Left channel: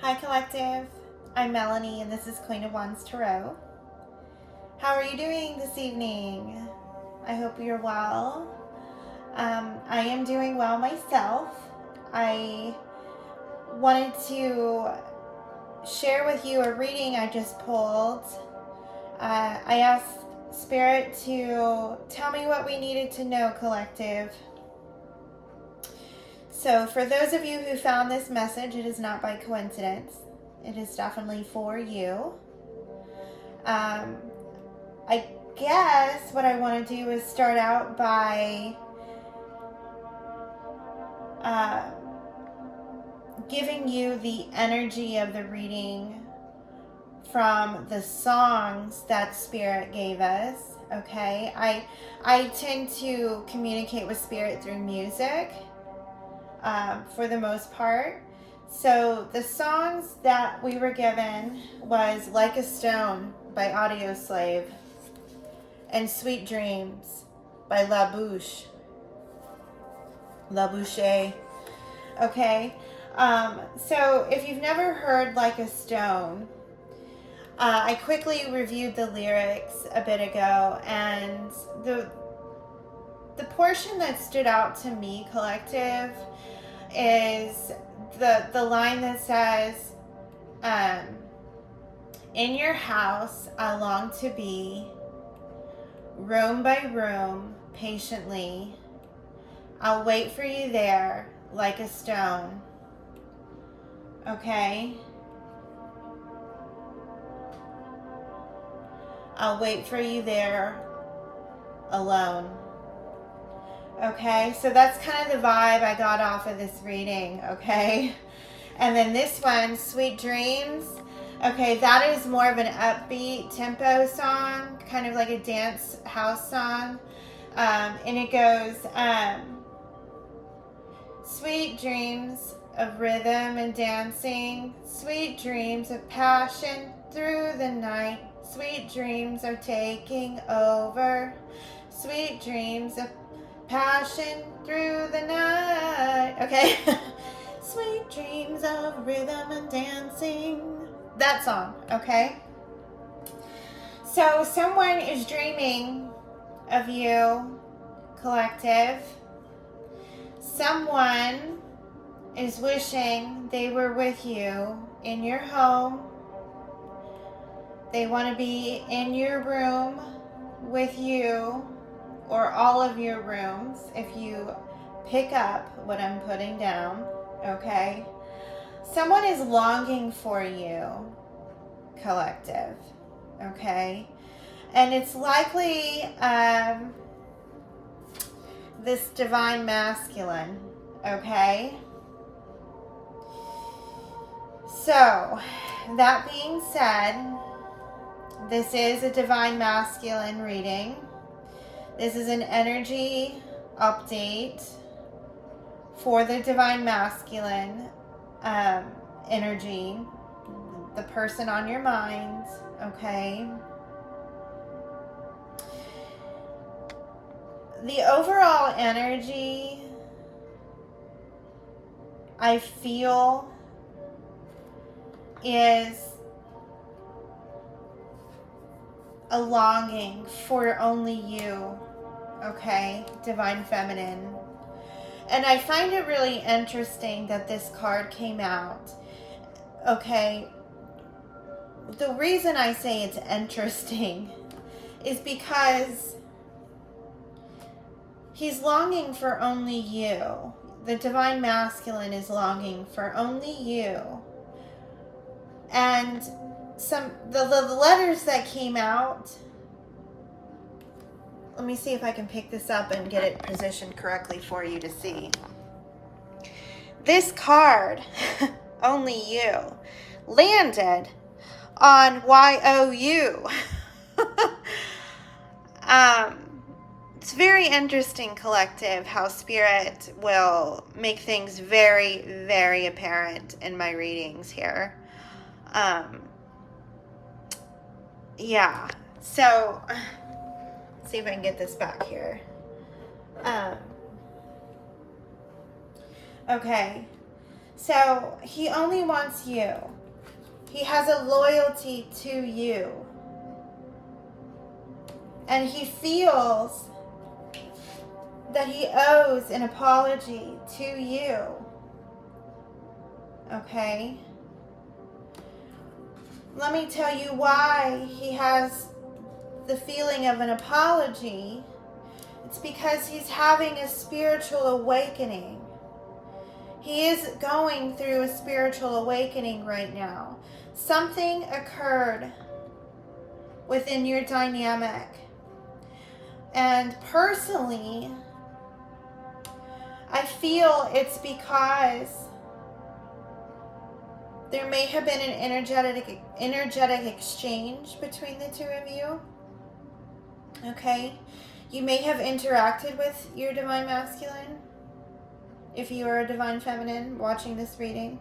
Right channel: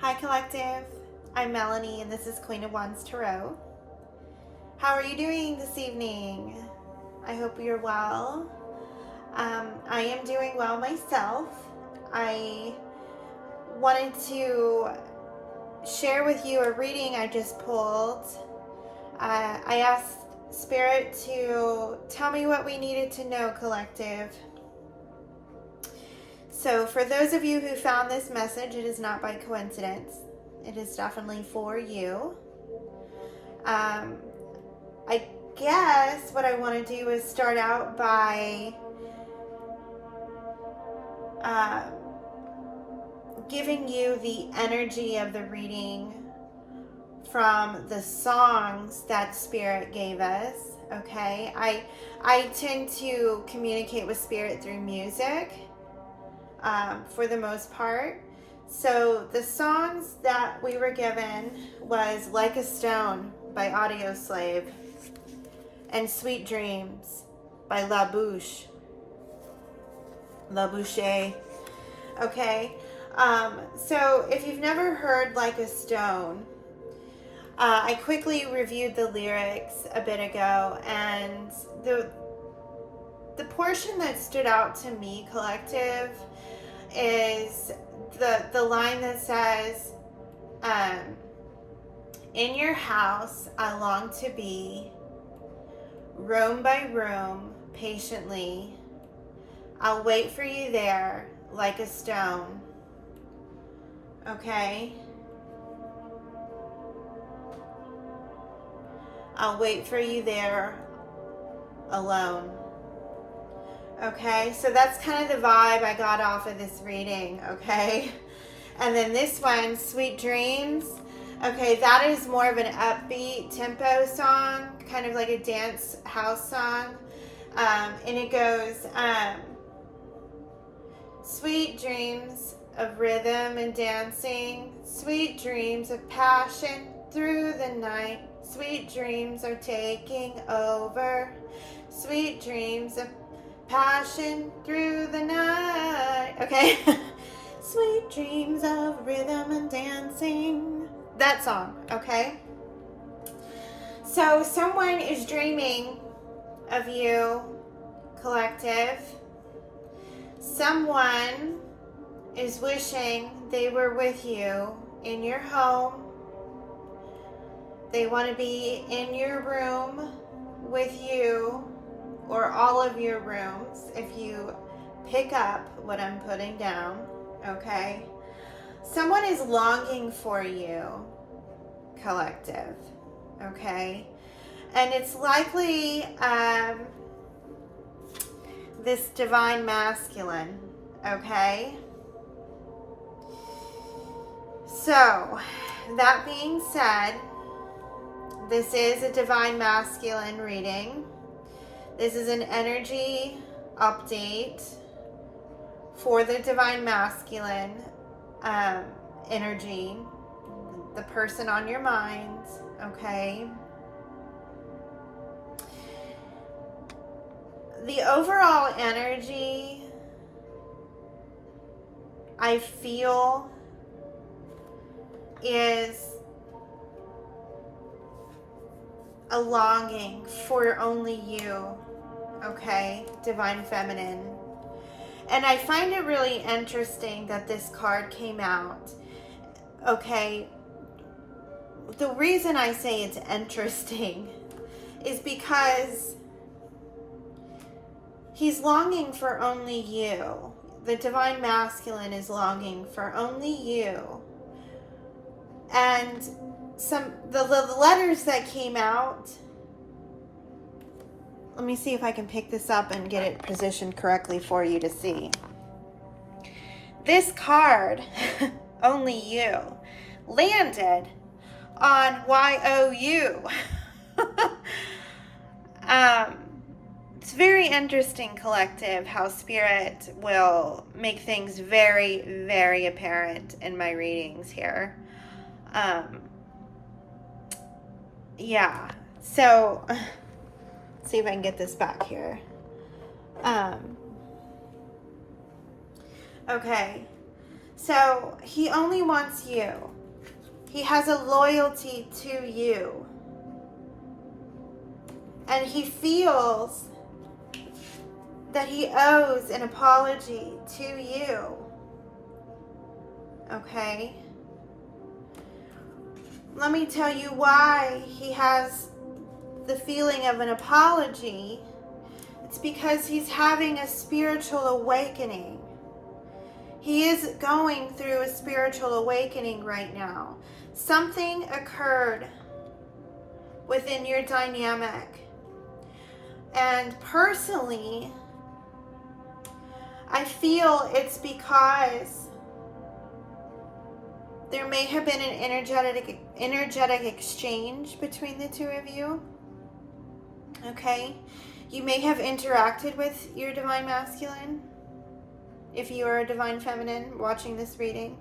Hi Collective, I'm Melanie and this is Queen of Wands Tarot. How are you doing this evening? I hope you're well. I am doing well myself. I wanted to share with you a reading I just pulled. I asked Spirit to tell me what we needed to know, Collective. So for those of you who found this message, it is not by coincidence. It is definitely for you. I guess what I want to do is start out by giving you the energy of the reading from the songs that Spirit gave us. Okay, I tend to communicate with Spirit through music for the most part. So the songs that we were given was Like a Stone by Audioslave and Sweet Dreams by La Bouche. Okay, so if you've never heard Like a Stone, I quickly reviewed the lyrics a bit ago, and the portion that stood out to me, Collective, is the line that says, in your house I long to be, room by room, patiently, I'll wait for you there like a stone. Okay? I'll wait for you there alone. Okay, so that's kind of the vibe I got off of this reading, okay? And then this one, Sweet Dreams, okay, that is more of an upbeat tempo song, kind of like a dance house song. And it goes, sweet dreams of rhythm and dancing, sweet dreams of passion through the night, sweet dreams are taking over, sweet dreams of passion through the night. Okay. Sweet dreams of rhythm and dancing. That song, okay? So someone is dreaming of you, Collective. Someone is wishing they were with you in your home. They want to be in your room with you, or all of your rooms, if you pick up what I'm putting down, okay? Someone is longing for you, Collective, okay? And it's likely this divine masculine, okay? So, that being said, this is a divine masculine reading. This is an energy update for the divine masculine energy, the person on your mind, okay? The overall energy I feel is a longing for only you, okay, divine feminine. And I find it really interesting that this card came out, okay? The reason I say it's interesting is because he's longing for only you. The divine masculine is longing for only you. And the letters that came out, let me see if I can pick this up and get it positioned correctly for you to see. This card, only you, landed on YOU. It's very interesting, Collective, how Spirit will make things very, very apparent in my readings here. Yeah, so let's see if I can get this back here. Okay, So he only wants you. He has a loyalty to you. And he feels that he owes an apology to you. Okay? Let me tell you why he has the feeling of an apology. It's because he's having a spiritual awakening. He is going through a spiritual awakening right now. Something occurred within your dynamic. And personally, I feel it's because there may have been an energetic exchange between the two of you. Okay? You may have interacted with your divine masculine if you are a divine feminine watching this reading.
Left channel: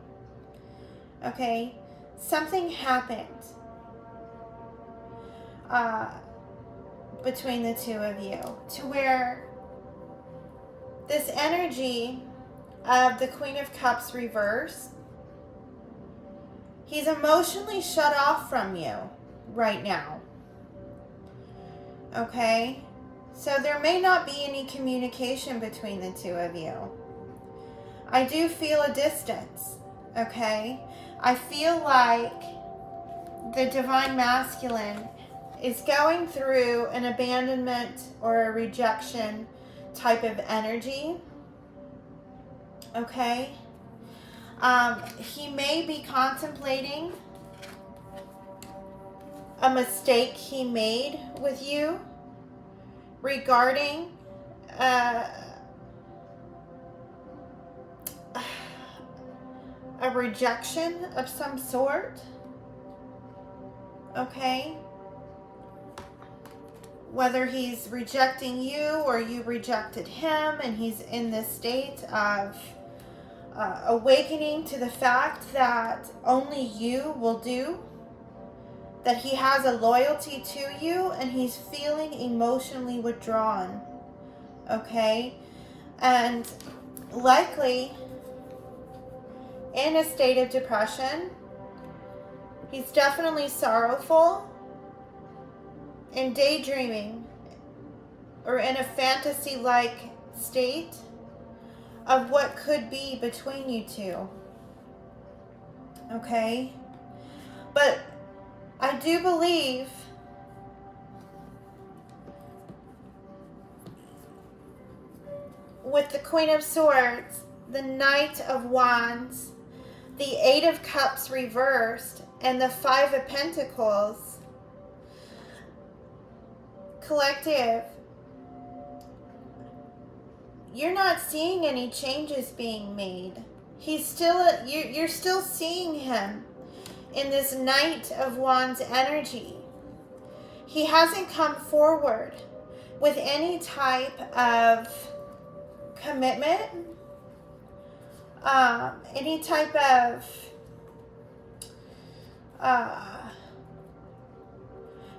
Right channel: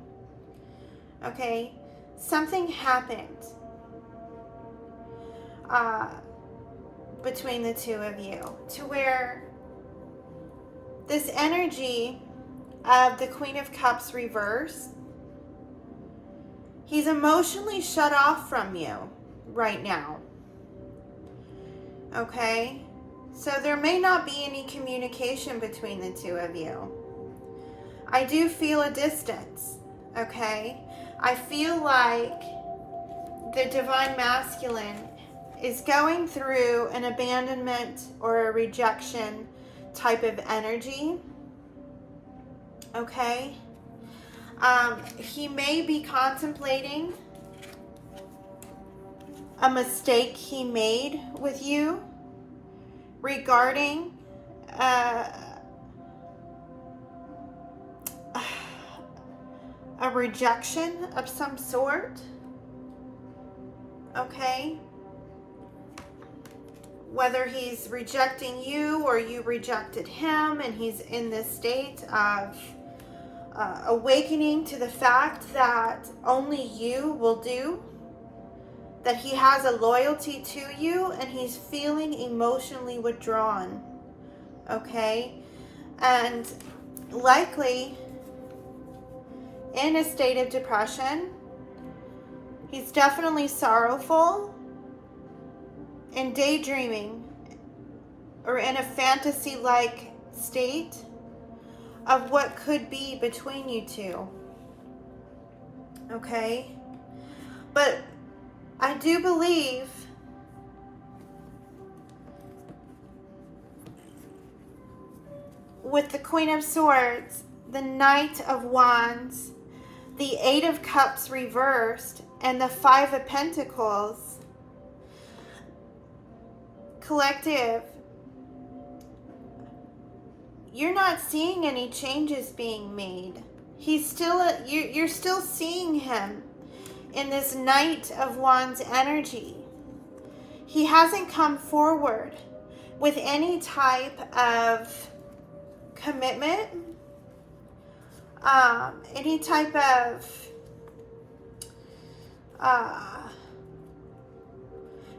Okay? Something happened between the two of you to where this energy of the Queen of Cups reverse, he's emotionally shut off from you right now. Okay? So there may not be any communication between the two of you. I do feel a distance. Okay? I feel like the divine masculine is going through an abandonment or a rejection type of energy. Okay? He may be contemplating a mistake he made with you regarding a rejection of some sort. Okay? Whether he's rejecting you or you rejected him, and he's in this state of awakening to the fact that only you will do, that he has a loyalty to you, and he's feeling emotionally withdrawn. Okay? And likely in a state of depression. He's definitely sorrowful and daydreaming, or in a fantasy-like state of what could be between you two. Okay? But I do believe with the Queen of Swords, the Knight of Wands, the Eight of Cups reversed, and the Five of Pentacles, collective, you're not seeing any changes being made. He's still, you're still seeing him in this Knight of Wands energy. He hasn't come forward with any type of commitment, any type of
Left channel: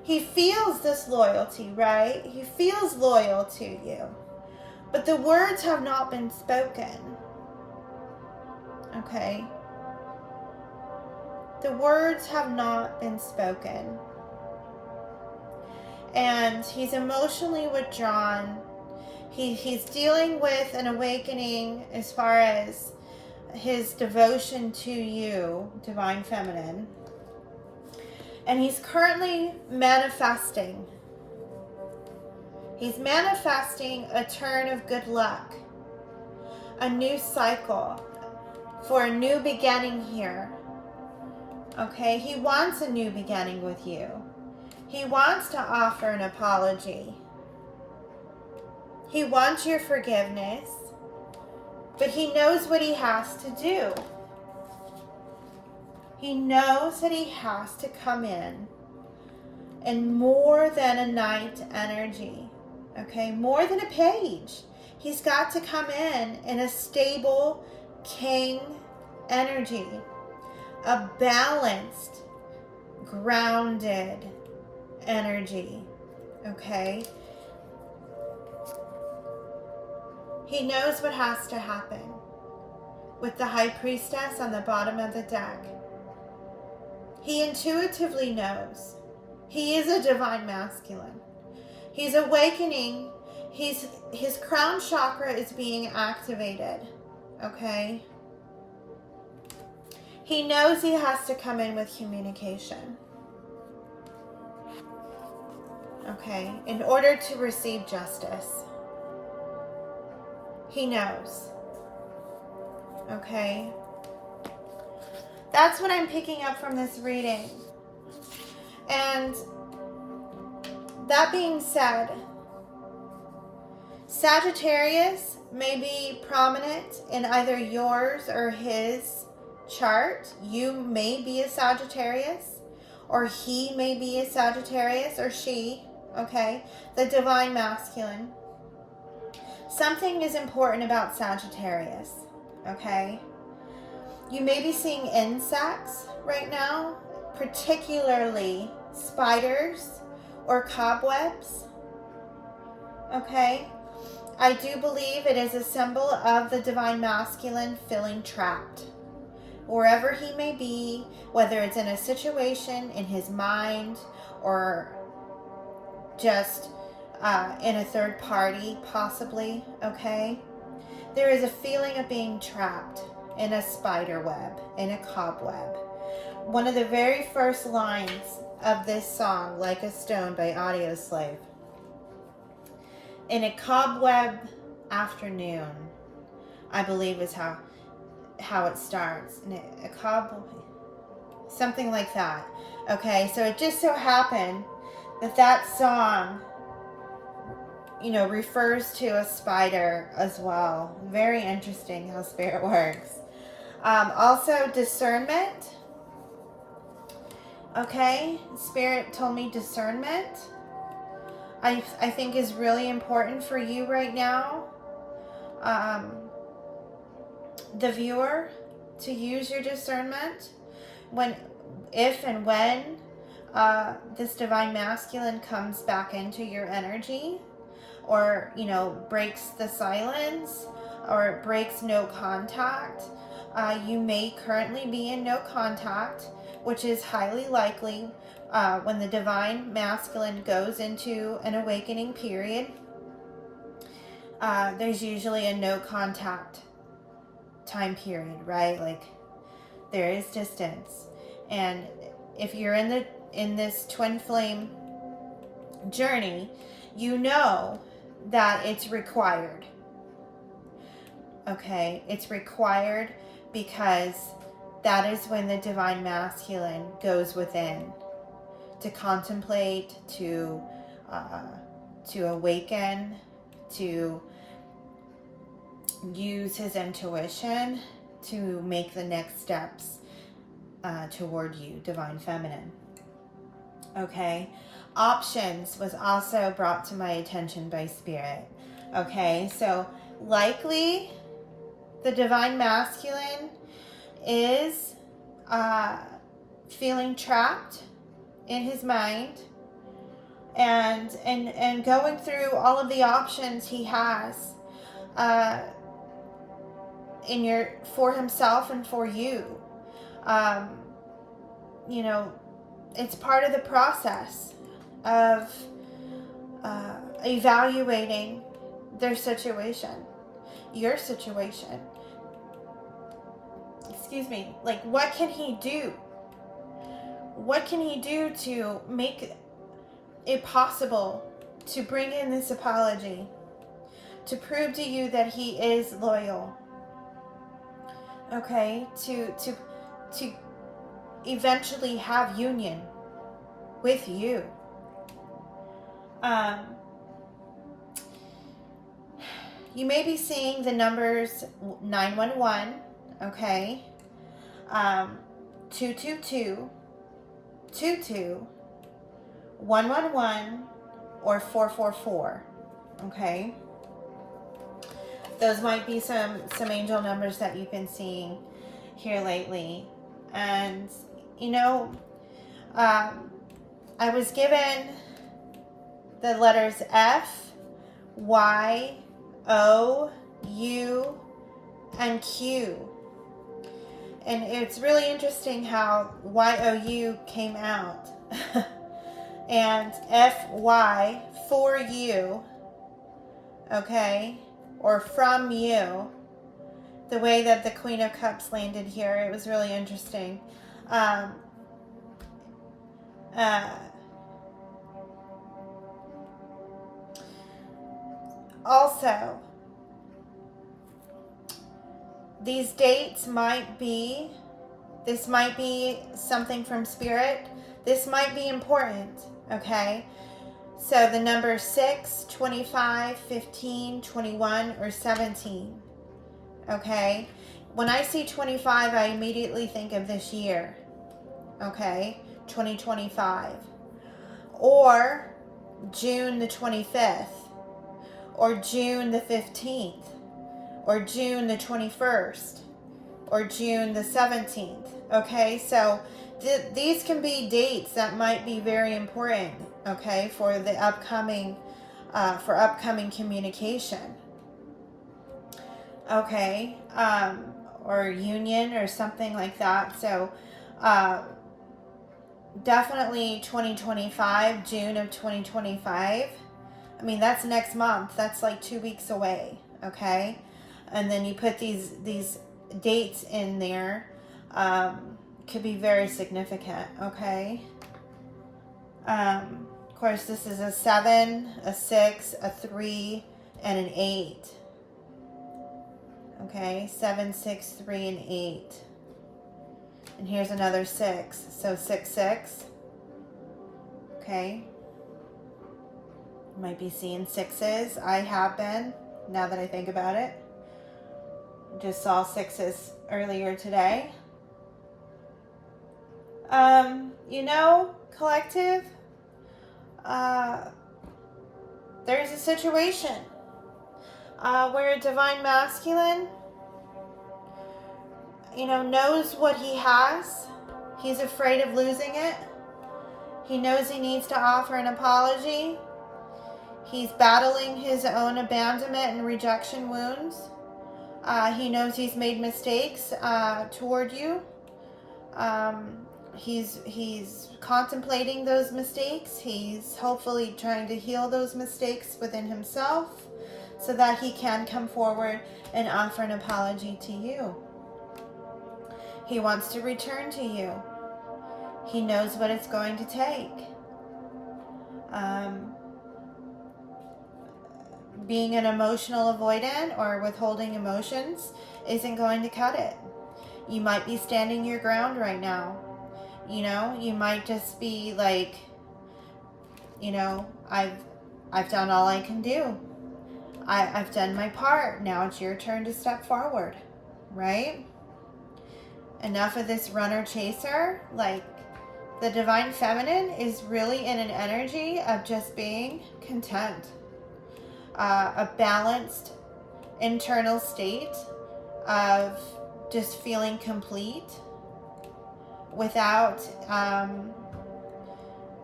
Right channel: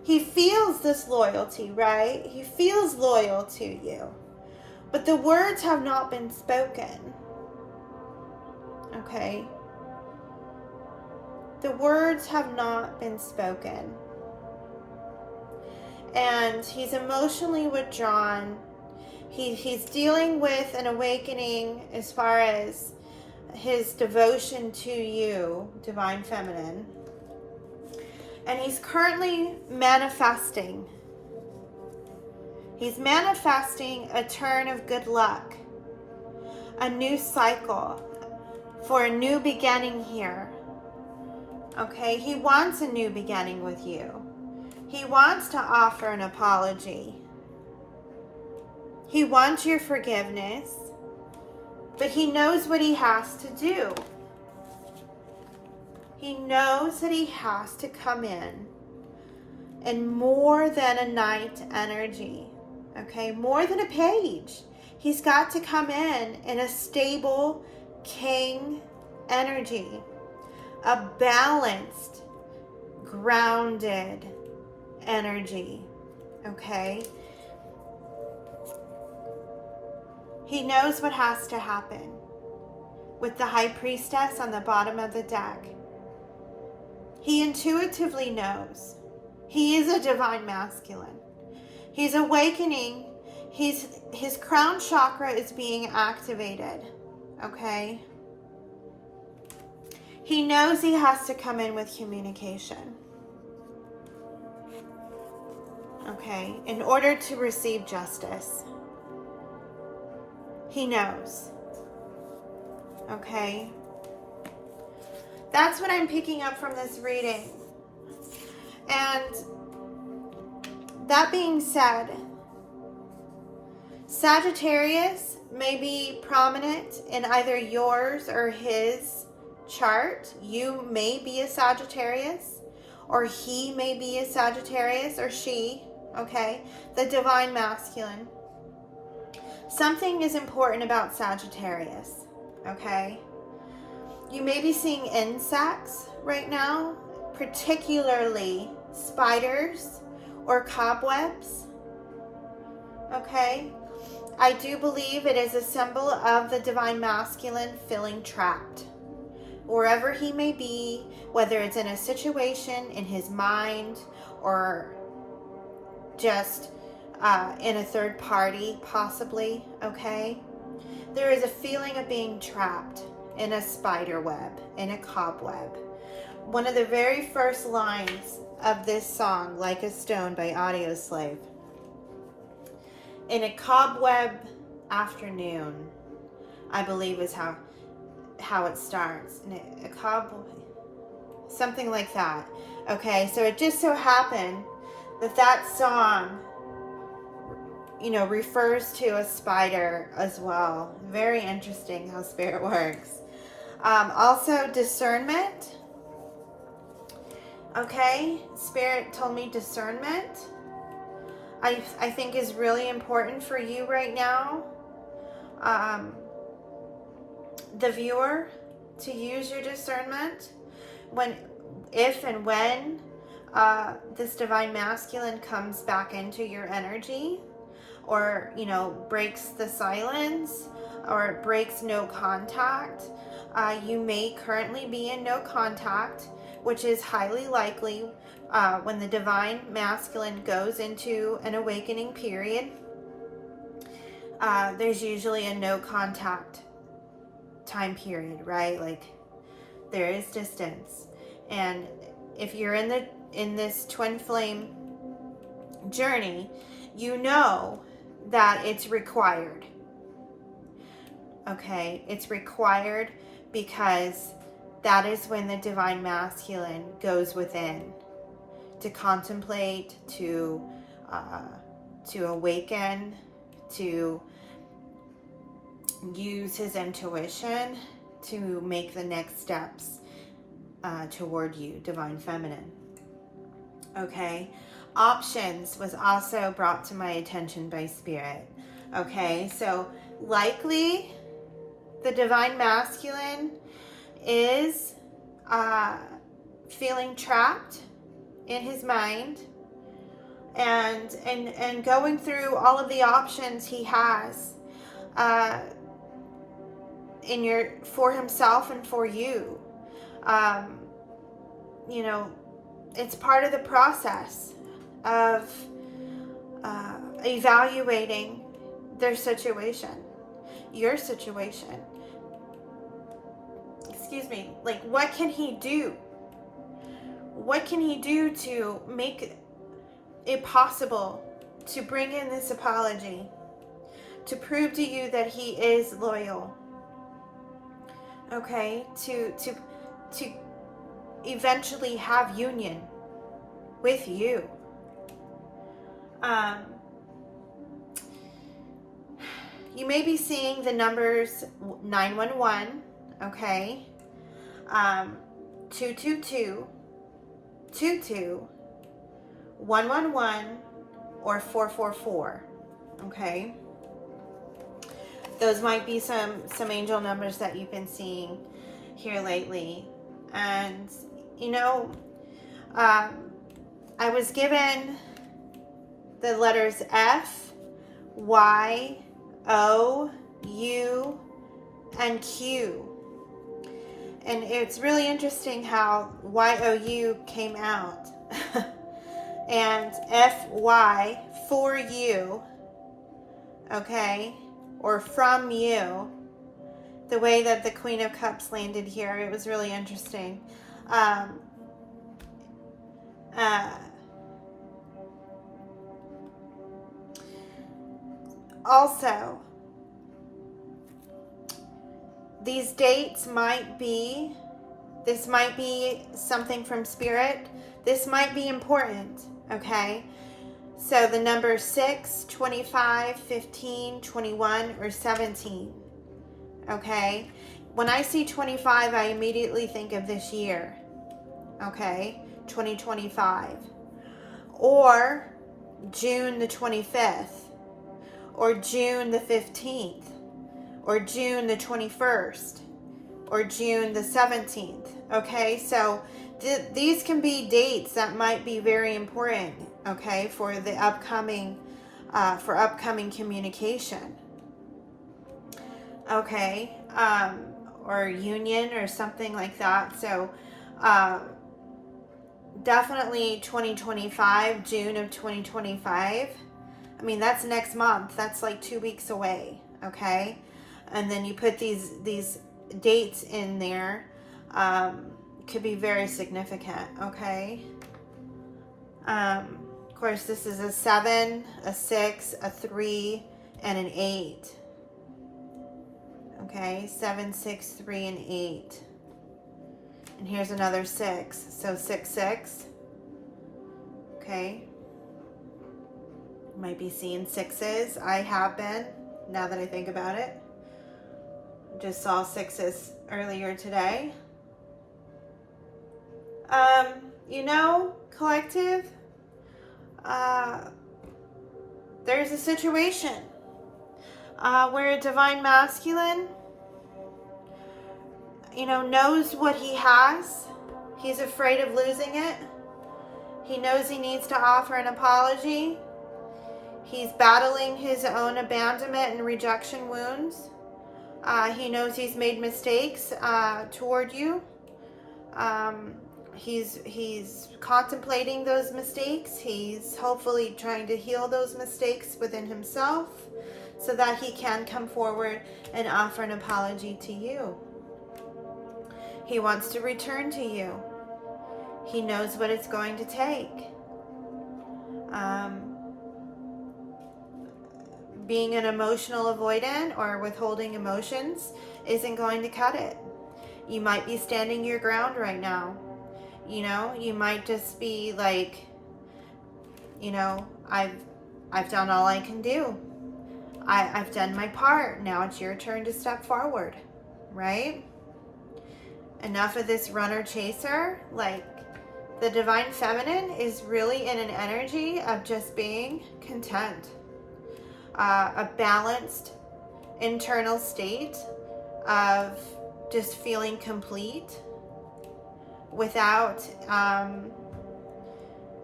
he feels this loyalty, right? He feels loyal to you, but the words have not been spoken. Okay? The words have not been spoken. And he's emotionally withdrawn. He's dealing with an awakening as far as his devotion to you, Divine Feminine. And he's currently manifesting. He's manifesting a turn of good luck, a new cycle for a new beginning here. Okay, he wants a new beginning with you. He wants to offer an apology. He wants your forgiveness, but he knows what he has to do. He knows that he has to come in more than a knight energy, okay? More than a page. He's got to come in a stable king energy, a balanced, grounded energy, okay? He knows what has to happen. with the High Priestess on the bottom of the deck. He intuitively knows. He is a divine masculine. He's awakening. His crown chakra is being activated. Okay? He knows he has to come in with communication. Okay? In order to receive justice. He knows. Okay? That's what I'm picking up from this reading. And that being said, Sagittarius may be prominent in either yours or his chart. You may be a Sagittarius, or he may be a Sagittarius, or she, okay? The divine masculine. Something is important about Sagittarius, okay? You may be seeing insects right now, particularly spiders or cobwebs, okay? I do believe it is a symbol of the divine masculine feeling trapped. Wherever he may be, whether it's in a situation, in his mind, or just in a third party, possibly, okay? There is a feeling of being trapped in a spider web, in a cobweb. One of the very first lines of this song, Like a Stone by Audioslave. In a cobweb afternoon, I believe is how it starts. In a cobweb, something like that. Okay, so it just so happened that song, you know, refers to a spider as well. Very interesting how spirit works. Also discernment. Okay, Spirit told me discernment. I think is really important for you right now. The viewer, to use your discernment if and when this divine masculine comes back into your energy, or, you know, breaks the silence, or it breaks no contact. You may currently be in no contact, which is highly likely when the divine masculine goes into an awakening period. There's usually a no contact time period, right? Like, there is distance. And if you're in this twin flame journey, you know that it's required. Okay, it's required because that is when the divine masculine goes within to contemplate, to awaken, to use his intuition to make the next steps toward you, divine feminine. Okay, options was also brought to my attention by Spirit. Okay, so likely the divine masculine is feeling trapped in his mind and going through all of the options he has for himself and for you. You know, it's part of the process of evaluating their situation, your situation. Excuse me. Like, what can he do? What can he do to make it possible to bring in this apology, to prove to you that he is loyal? Okay, to eventually have union with you. You may be seeing the numbers 911, okay, 222, 22, 111, or 444, okay? Those might be some angel numbers that you've been seeing here lately. And, you know, I was given the letters F, Y, O, U, and Q. And it's really interesting how YOU came out. And FY, for you, okay, or from you, the way that the Queen of Cups landed here, it was really interesting. Also, these dates might be, this might be something from Spirit. This might be important, okay? So the number 6, 25, 15, 21, or 17, okay? When I see 25, I immediately think of this year, okay? 2025. Or June the 25th, or June the 15th, or June the 21st, or June the 17th, okay? So these can be dates that might be very important, okay, for the upcoming communication, okay, or union or something like that. So definitely 2025, June of 2025. I mean, that's next month. That's like 2 weeks away, okay? And then you put these dates in there. Could be very significant, okay? Of course, this is a 7, a 6, a 3, and an 8. Okay, 7, 6, 3, and 8. And here's another 6. So 6, 6. Okay. Might be seeing 6s. I have been, now that I think about it. Just saw 6s earlier today. You know, collective, there's a situation where a divine masculine, you know, knows what he has. He's afraid of losing it. He knows he needs to offer an apology. He's battling his own abandonment and rejection wounds. He knows he's made mistakes toward you. He's contemplating those mistakes. He's hopefully trying to heal those mistakes within himself so that he can come forward and offer an apology to you. He wants to return to you. He knows what it's going to take. Being an emotional avoidant or withholding emotions isn't going to cut it. You might be standing your ground right now. You know, you might just be like, you know, I've done all I can do. I've done my part. Now it's your turn to step forward, right? Enough of this runner chaser. Like, the divine feminine is really in an energy of just being content. A balanced internal state of just feeling complete without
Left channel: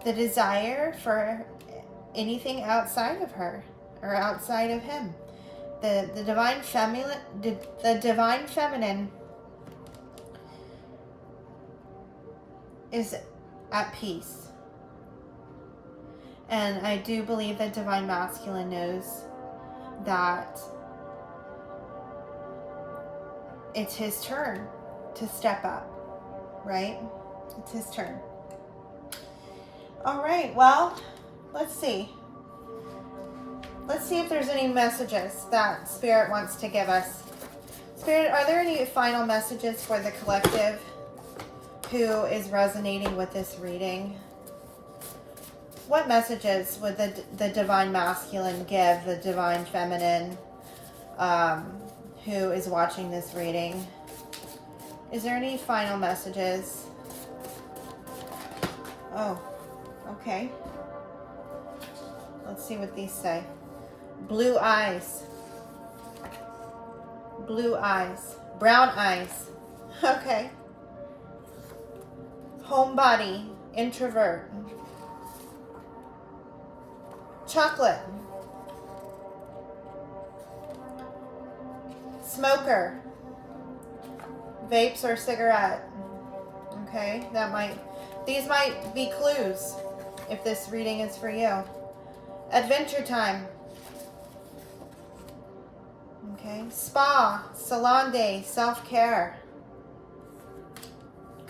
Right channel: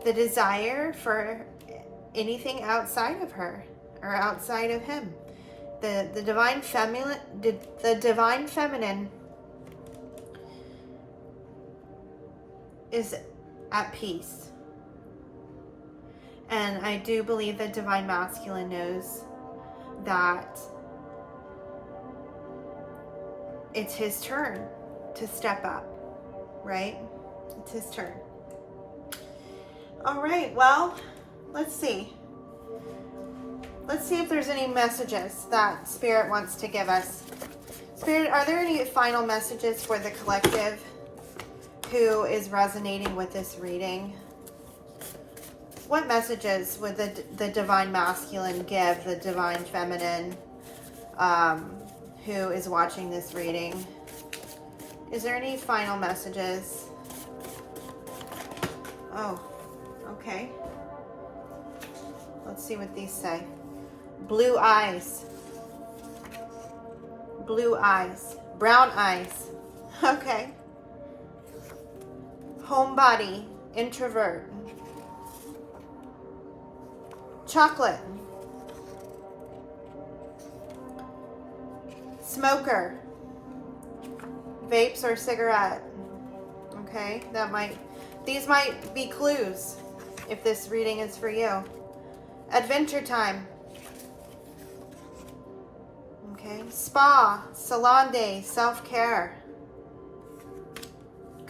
the desire for anything outside of her or outside of him. The divine feminine is at peace. And I do believe that divine masculine knows that it's his turn to step up, right? It's his turn. All right, well, let's see. Let's see if there's any messages that Spirit wants to give us. Spirit, are there any final messages for the collective who is resonating with this reading? What messages would the divine masculine give the divine feminine who is watching this reading? Is there any final messages? Oh, okay. Let's see what these say. Blue eyes. Blue eyes. Brown eyes. Okay. Homebody. Introvert. Chocolate. Smoker. vapes or cigarette. Okay, these might be clues if this reading is for you. Adventure time. Okay, spa, salon day, self-care.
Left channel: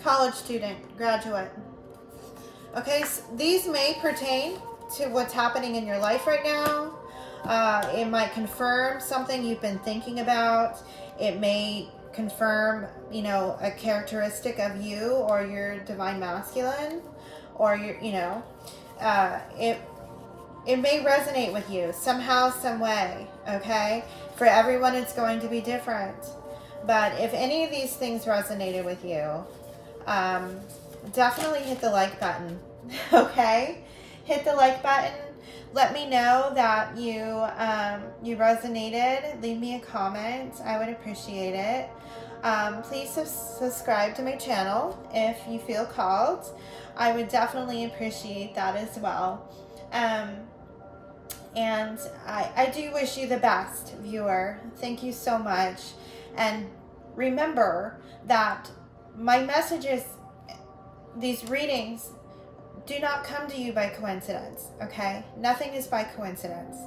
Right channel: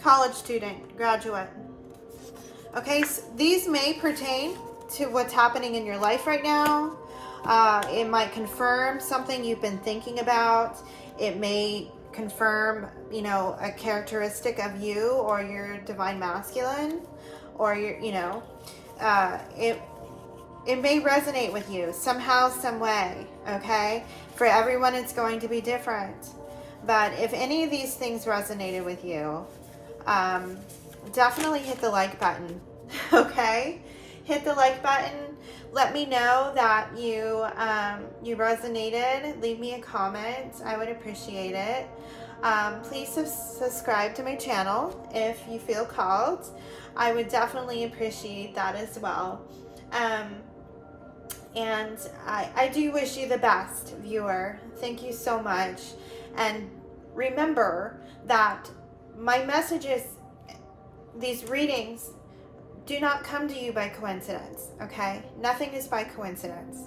College student, graduate. Okay, so these may pertain to what's happening in your life right now. It might confirm something you've been thinking about. It may confirm, you know, a characteristic of you or your divine masculine, or your, you know, it may resonate with you somehow, some way. Okay, for everyone it's going to be different, but if any of these things resonated with you, definitely hit the like button. Okay, hit the like button. Let me know that you resonated. Leave me a comment. I would appreciate it. Please subscribe to my channel if you feel called. I would definitely appreciate that as well. And I do wish you the best, viewer. Thank you so much. And remember that my messages, these readings, do not come to you by coincidence, okay? Nothing is by coincidence.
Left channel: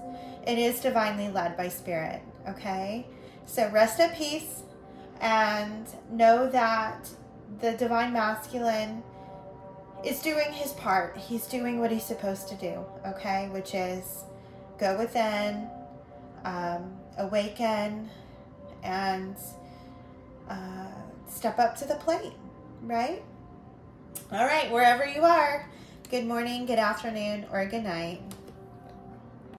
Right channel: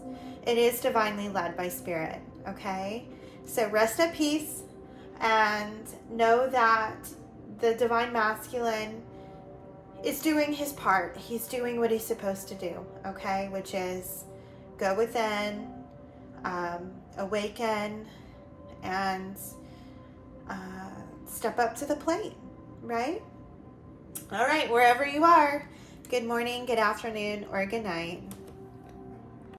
It is divinely led by Spirit, okay? So rest at peace and know that the divine masculine is doing his part. He's doing what he's supposed to do, okay? Which is go within, awaken, and step up to the plate, right? All right, wherever you are, good morning, good afternoon, or good night.